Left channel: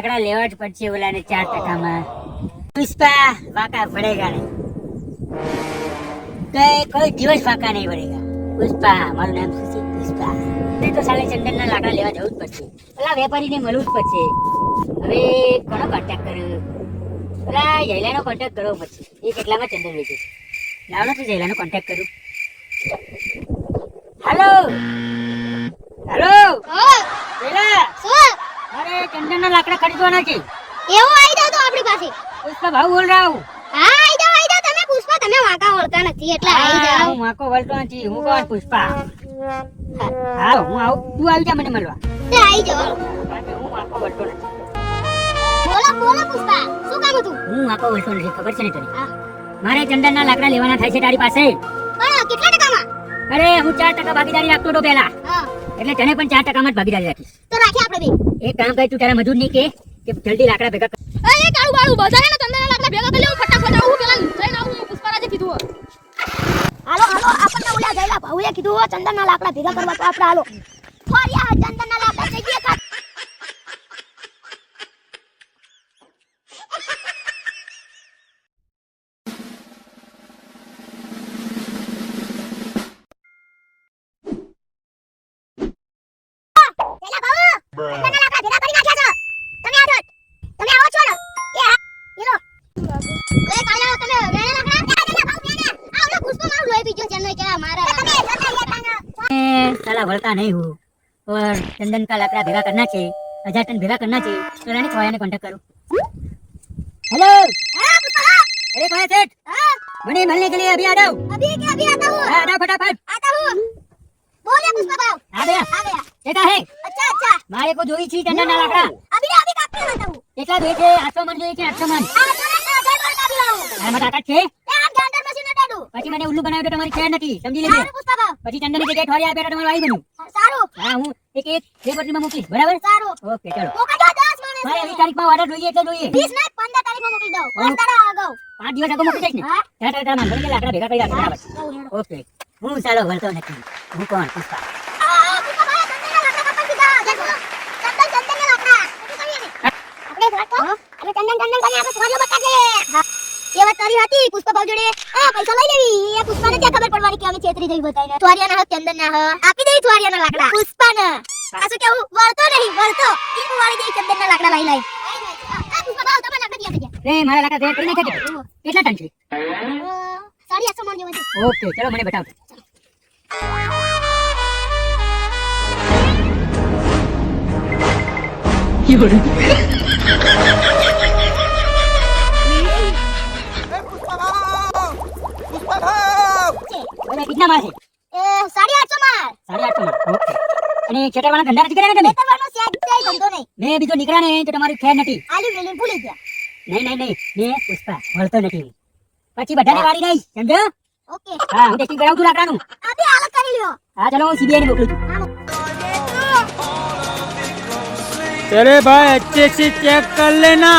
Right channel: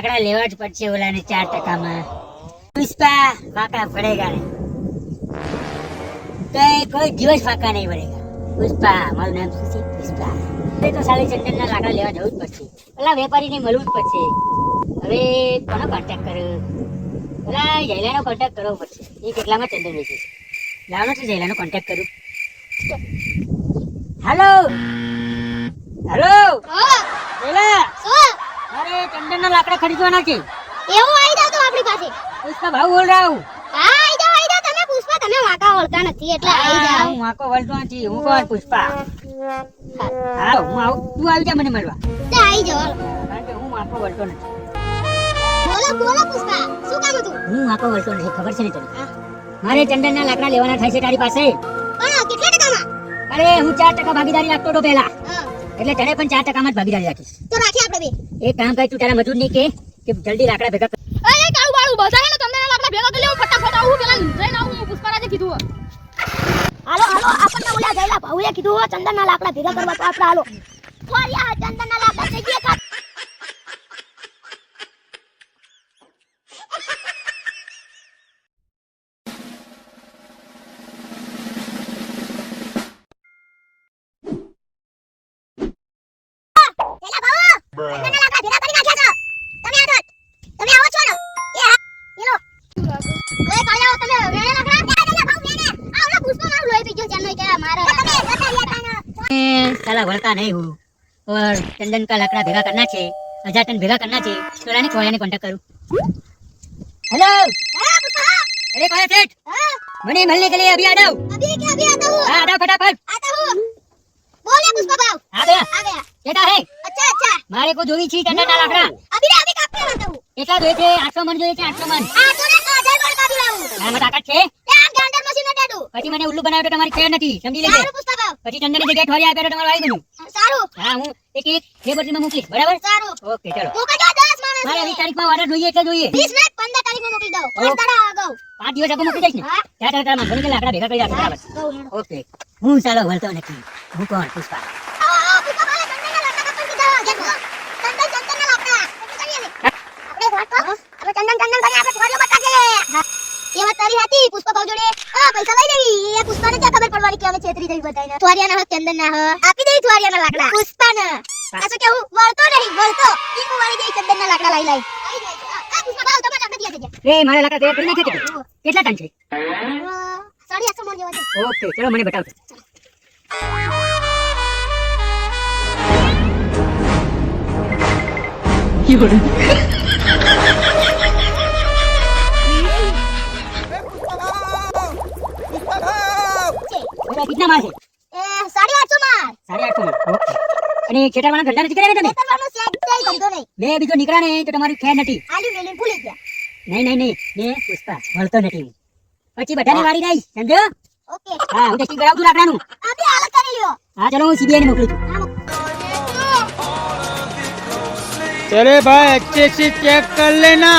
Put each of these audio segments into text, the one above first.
લાકડા લેવા જ પડશે ઓલાને ચાર ટકામાં. પુષ્પા વાકા પડેગા કઈ કોઈ દિવસ ફાકા નહીં પડેગા પુષ્પા મારું નામ શું છે? પુષ્પા. એ તો સાલે ચંદનના લાકડા લેવા જવું જ પડશે. પેલા વેપારીને મળવું જ પડશે. હવે કોનો કોન્ટેક્ટ કર્યો? પેલા જયલાનો કોન્ટેક્ટ કરવો પડશે. એ કેટલામાં ચંદન વેચે છે? છું છું જયલાનો કોન્ટેક્ટ કરું. Hello hello Jayla? ચંદનના લાકડા ખરીદવાના છે. એવું આવી જાવ તો આપણી પાસે. પુષ્પા ભાવ બોલ રહ્યા હું. હા આવી જાવ આવી જાવ તમે પુષ્પા તમે વાંકા વળતા નથી એટલે આવી જાવ હું આખો વળતો નથી હું કોણ પુષ્પા? હા હું આવું તું આવી જા મને મળવા. તે આવી જાવ હું આખો વળતો નથી. બોલો બોલો પુષ્પા શું કામ હતું? હું આખો વળતો નથી ખબર છે ને તને? મારે ચંદનના લાકડા લેવાના થાય છે તારી પાસે. પણ કેટલા ટકામાં? અરે હું ચાર ટકા ભાગીદારી રાખતો હતો પહેલા. એટલે તને પણ ચાર ટકામાં જ ભાગીદારી રાખીશ. તો રાખીએ આપણે બે. એક કામ કર તું તારા મજૂરની કે કે જલ્દી લાકડા ભેગા કર. અરે કાળું બાળું બધા ને તમને લાકડા ભેગા કરી લઉં ફટાફટ આવું પેલા લઈને આવું પુષ્પારાજે કીધું હાલો હાલો આપણને ઉલા ગયેલા ભાઉએ કીધું ચંદનના લાકડા ભેગા કરવા તો આપણે હાલો. ફોરિયા ચંદનના લાકડા થઈ ગયા साला वळता नहीं हूँ और चंदन का लकड़ा भेगा करना चाहिए हजार टन भेगा करना चाहिए तो रानी कोया ने कांटेक्ट करूं हेलो अरे कोया सेठ मने मिलने के लिए अभी आ जाओ आ जाओ फटाफट કો જોવી છે ના લાકડા. કેટલા જોઈએ છે? 800 મણ જોઈએ છે 800 મણ. આ તો ના આમાં તાકાત છે? પછી મને ઉલ્લુ બનાવ્યો તો તમારી ખેર નથી સમજી લેજે. સારું પુસ્તક પછી ચંદનની જગ્યાએ ઠોરી આપ્યો તો તમારું આવી ગયું. સારું. હા હું એક એક બે બોટલીમાં મૂકીશ બરાબર? સારું. ઓકે ચલો. ઓકે જો 10 માણસ મારે 20 તારીખમાં ઓર્ડર જોઈએ એટલે જોઈએ. 20 ને 15 તારીખમાં મોકલી દો પાંચ દાડા આગળ પાંચ દિવસ આગળ મોકલી દઈશ ને. હા. ત્યાં તારા તારા મને લાકડા ભેગા કરી આપો બરાબર. ઓકે. હું ચાલો વળતો નથી. હું કોણ પુષ્પા? પુષ્પા ભાવ જોડે આ પૈસા લઈ લેવી. એ પુષ્પાને ત્યાં ખબર પડવાની કે હવે છેતરી જઈ બતાઈને ત્વારિયાના હક ચંદન ના હક આપી દે ત્વારિયાના લાકડા. પુષ્પાને. પાછું કેવું? વળતો નહીં વળતો. ઈ વાળી દે ચંદનના લાકડા લઈ લઈ. આ પુષ્પા ભાવ તમે લાકડા દિયા થઈ રે મારા લાકડા દે કરી નાખે છે કેટલા ટન છે? ગયા સાડી આઠસો મણ જેવા છે. ઓકે ચલો મને બતાવો. બોલો, કેટલા માલ છે એ સાડી આઠસો માં સાડા આઠસો માલ ઓકે અને છેટાવાળા ધંધા નથી કર્યા ને તમે ખેતરવાનો શેડ છે ધંધો નહીં બે બીજો નીકળ્યા ને તો તમારી ખેર નથી આલુ વેલી ભૂલી ગયા નહીં નહીં નહીં એ પુષ્પા વળતો નથી પછી બધાને વાળી દઈશ સમજ્યો ઓકે હા હું ટેસ્ટિંગ કરાવું છું લાકડાનું આપી હાલત કરી લ્યો હા ચલો હું સીબીઆઈ ને મોકલું છું अरे भाई अच्छे से चेक कर लेना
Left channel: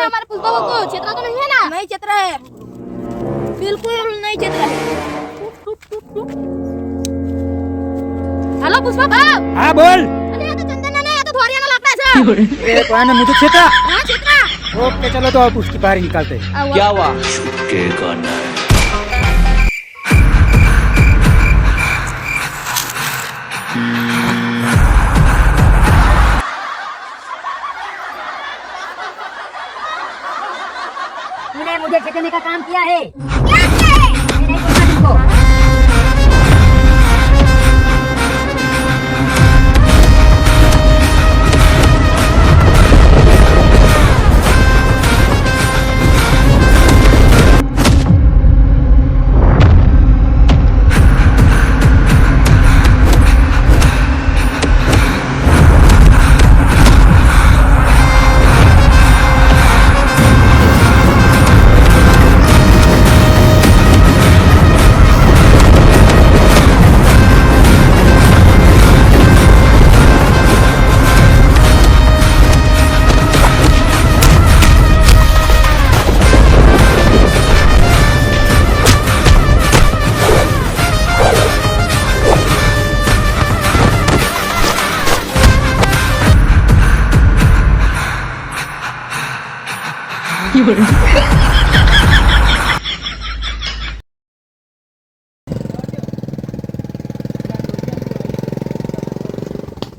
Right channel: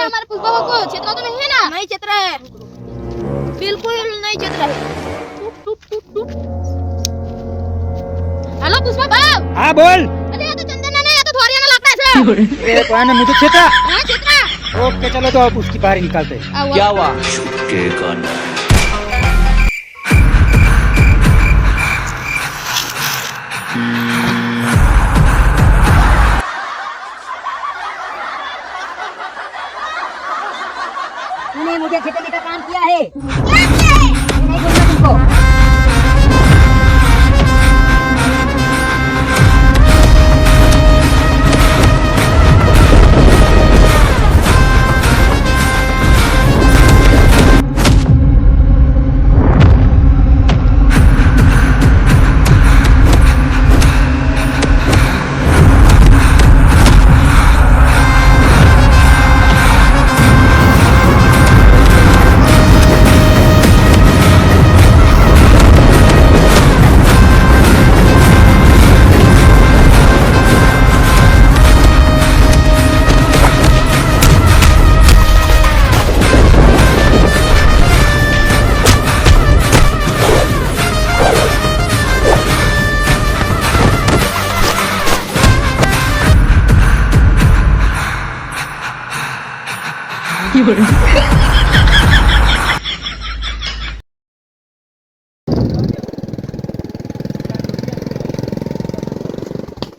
देखो तूने हमारे पुष्पा को छेतरा तो नहीं है ना नहीं छेतरा है बिल्कुल नहीं छेतरा है हेलो पुष्पा भाव हाँ बोल अरे ये तो चंदन नहीं ये तो थोड़िया ना लाकड़ा है ए, तो आने मुझे छेता हाँ छेतरा ओके चलो तो अब उसकी बाहर ही निकालते हैं क्या हुआ छुटकेगा नहीं तूने मुझे छेड़ने का काम किया है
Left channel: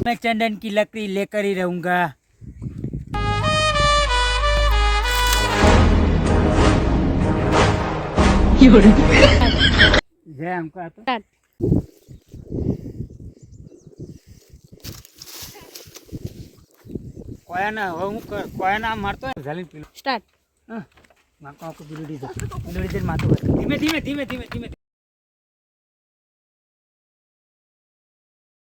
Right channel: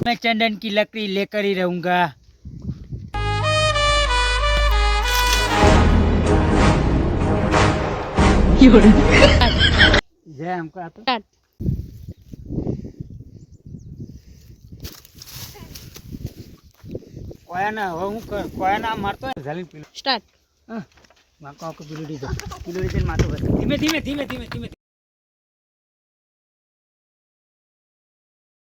मैं चंदन की लकड़ी लेकर ही रहूंगा जय हमको आता કોયાના હવે હું ક- કોયાના મારતો હોય ઝાલી પેલું સ્ટાર્ટ હા. મારતો આખું પેલું ડીઝલ પેલું ડીઝલ બસ. ધીમે ધીમે ધીમે ધીમે ધીમે.